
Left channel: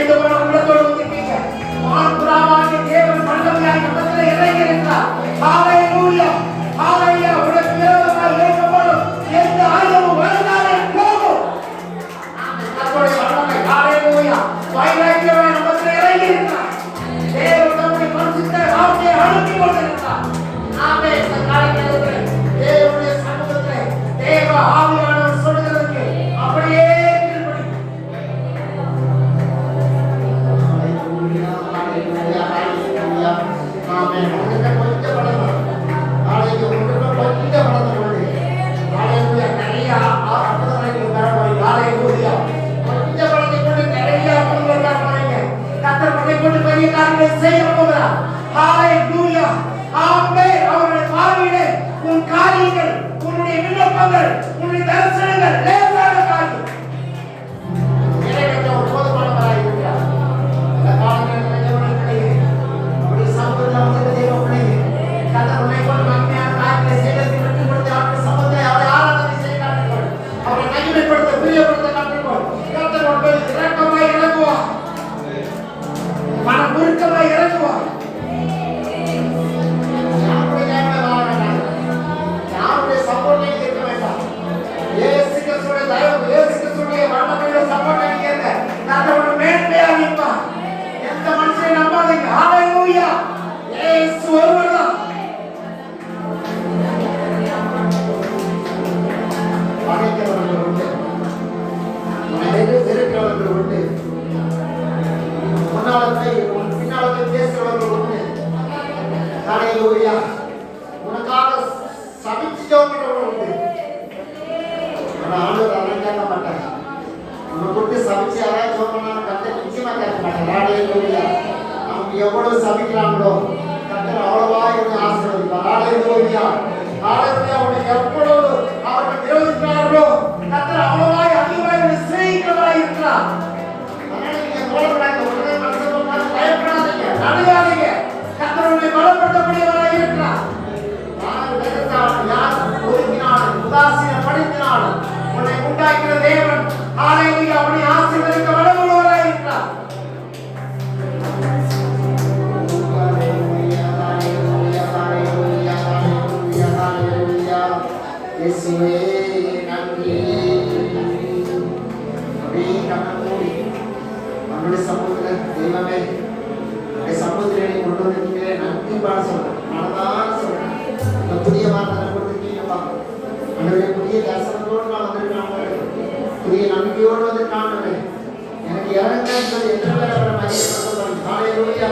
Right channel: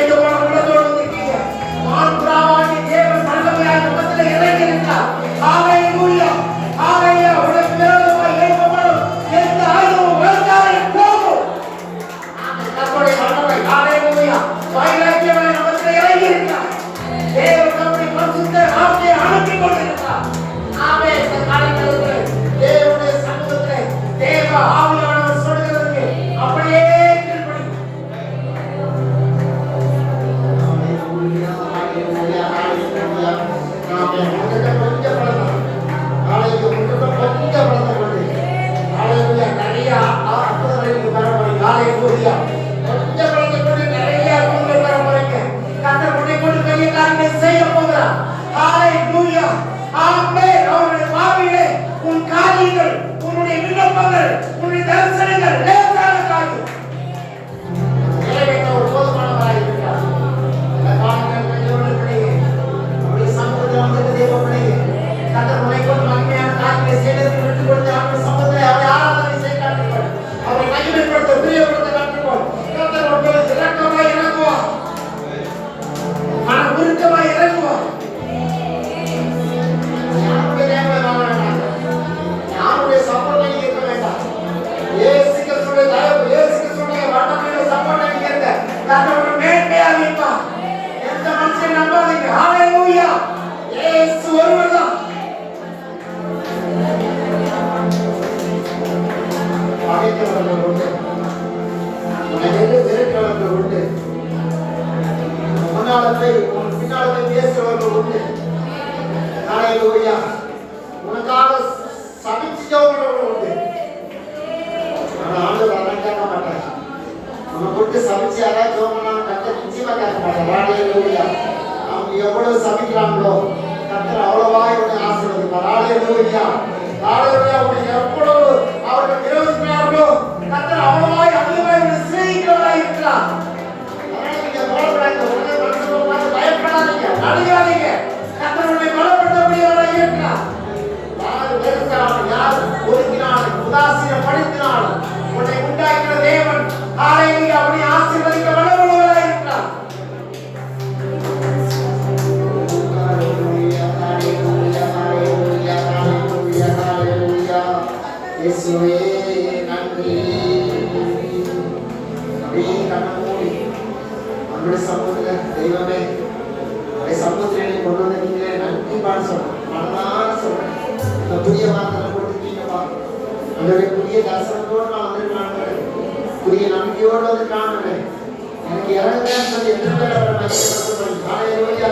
உடைந்து போன உள்ளத்தோடு வந்திருக்கீங்க. மாண்புறாவாகி தேவன் வல்லமையாக மத்தியிலே இறங்கி இருக்கிறார். ஹalleluya ஹalleluya. உடைய பிறந்தவாய் இருப்பவரும் எந்த ஆயுதமும் வருந்தாதே போகும். கர்த்தருடைய வல்லமை ஹalleluya வாயிலாய் மத்தியிலே இறங்கி இருக்கிறார். தேவன் தம்முடைய பரிசுத்த வார்த்தையை அனுப்பி கொண்டிருக்கிறார். ஆமென். காரியங்களே தேவனுடைய சமூகத்திலே தேவ ஆவியானவர் சொல்கிறதற்கு அப்படியே கீழ்ப்படி. ஹalleluya ஹalleluya ஹalleluya. ஆமென். உங்களுக்கு கொஞ்சம் பலமா ஹalleluya உங்களுக்கு கொஞ்சம் பலமா கொண்டு ஹalleluya நிறைய அற்புதங்களை பரவாயில்லை. ஹalleluya கொஞ்சம் பலத்தை கொண்டு நிறைய அற்புதங்களை பரவாயில்லை. கர்த்தர் உன்னை கொண்டு பெரிய காரியங்களை செய்ய போகிறார். ஹalleluya ஆமென். அவருடைய வாழ்விலே உன் காரியங்கள், உன்னுடைய விண்ணப்பங்கள், உன்னுடைய தரிசனங்கள் லேசான காரியம் நிறைவேற்ற ஒரு போதுமானவராக இருக்கிறார். இந்த காரியங்களை தேவனுடைய அவருடைய சமூகத்தில் வந்து தேவனுடைய கர்த்தர் உன்னை கொண்டு மகிமையான காரியங்களை செய்வதற்கு விட்டுக் கொடுத்து அவருடைய சமூகத்தை அவரை ஆராதனை செய்ய காட்டுங்கள். அவரை மகிமைப்படுத்த பிரியப்படுத்த காட்டுங்கள். கர்த்தர் உங்களுக்கு இரக்கமாய் இறங்குவார். மன உருக்கமாய் இறங்குவார். யாருடைய தேவை வாழ வேண்டாம். யாருடைய சப்போர்ட்ல இருக்க வேண்டாம். இயேசு கிறிஸ்துவின் தயவு, இயேசு கிறிஸ்துவின் வல்லமையுள்ள சப்போர்ட்ல இருக்க கர்த்தர் மேன்மையாக இருப்பார். எந்த மனுஷனை நம்பாதீங்க. ஹalleluya இயேசு ஒருவர்தான். பகைக்கிறவர்கள் உண்டு, வெறுக்கிறவர்கள் உண்டு, பின்னாலே பேசுகிறவர்கள் உண்டு. ஹalleluya உனக்காக சபிச்சவர்கள் உண்டு. ஆனா ஆண்டவர் அதெல்லாம் கேட்க மாட்டார். உனக்கு கொடுத்து சபிச்சு யாராவது ஜோமனாலும் கர்த்தர் நிச்சயமா கேட்க மாட்டார். ஹalleluya அவங்க எவ்வளவு சபிக்கிறாங்களோ கர்த்தர் அவ்வளவாய் உன்னை ஆசீர்வதிப்பார். ஹalleluya ஹalleluya உன்னை எவ்வளவு அவர்கள் விரோதிக்கிறார்களோ கர்த்தர் அவ்வளவாய் அதிகமாய் உன்னை சிநேகிக்கிறவராய் இருக்கிறார். அதனால நீங்க போராடாதீங்க. உடனே மனுஷன் பயப்படாதீங்க, அழுகாதீங்க. கர்த்தர் உன்னை பலப்படுத்தக்கூடியவராய் இருக்கிறார். யார் வெறுத்தாலும், யார் ஒதுக்கினாலும், உதாசீனப்படுத்தினாலும் உன்னை உண்டாக்கிற தேவன் ஹalleluya அவனை ஆசீர்வதிக்க வல்லவராய் இருக்கிறார். ஹalleluya ஹalleluya ஹalleluya ஹalleluya ஹalleluya. இயேசுவே நன்றி. அப்படியே கண்ணமூடி நம்முடைய சமூகத்தில் தெய்வமே உடைய சமூகத்திலே கொண்டு வந்தீங்களே நன்றி பாட சொல்றேன். மனதார சொல்றேன். இந்த புதிய வார்த்தை கொடுத்துருக்கீங்கப்பா. என்னுடைய புதிய தரிசனத்தோடு நான் வந்திருக்காங்க. புதிய நம்பிக்கையோடு வந்திருக்காங்க. எனக்கு இறங்குன்னு சொல்லி எத்தனை பேர் ஹalleluya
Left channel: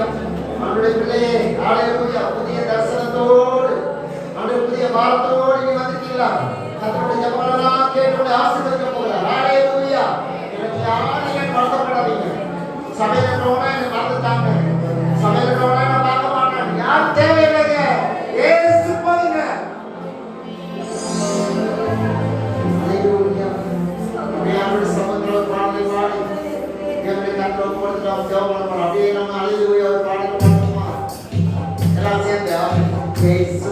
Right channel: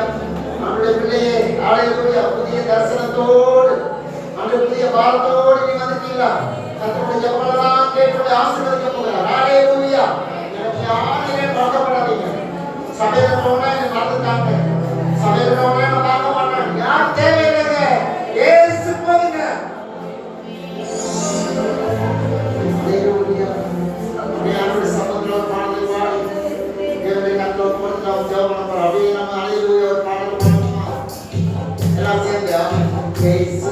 நம்முடைய பிள்ளையே ஹalleluya புதிய தரிசனத்தோடு நம்முடைய புதிய வார்த்தையோடு நீ வந்திருக்கீங்களா? கர்த்தருடைய ஜெபமெல்லாம் கேட்டு ஆசீர்வதிக்க போகிறார். ஹalleluya எனக்கு யாரையும் மறக்கப்படாதீங்க. சபையில போனா எனக்கு மறந்துட்டாங்க. சபையில போனா நான் பார்க்க மாட்டேன். யார் தேவையில்லைங்க. இயேசு போதுங்க. ஹalleluya நம்முடைய சமூகத்தில் பாடலை பாடி தேவனுடைய கண்கள் போட்டு நாம் ஜெபம் பண்ணுறோம். அப்படியே நம்ம ஹalleluya பாடல் பாடுவோமா? எல்லாம் சேர்ந்து இயேசு